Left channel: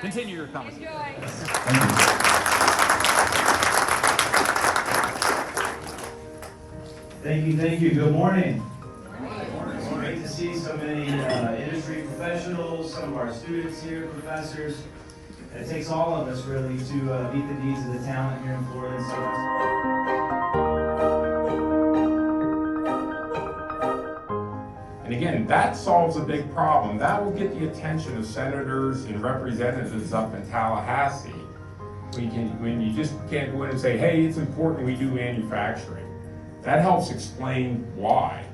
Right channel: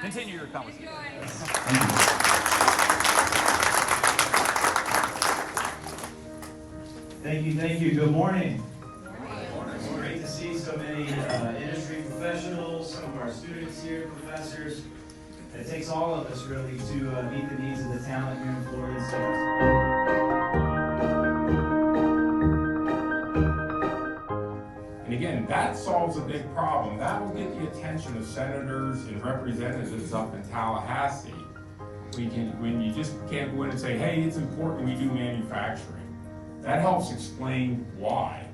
Continue your conversation. Thank you. Good morning. It's great to see so many industry professionals, some of our students here, professors. It takes all of us really to meet the needs of the talent here in Florida and South Florida. And again, that solves a big problem. That will get the attention of senators and representatives up in Tallahassee. When you just can't go in and say, hey, it's important we do manufacturing. That helps explain why.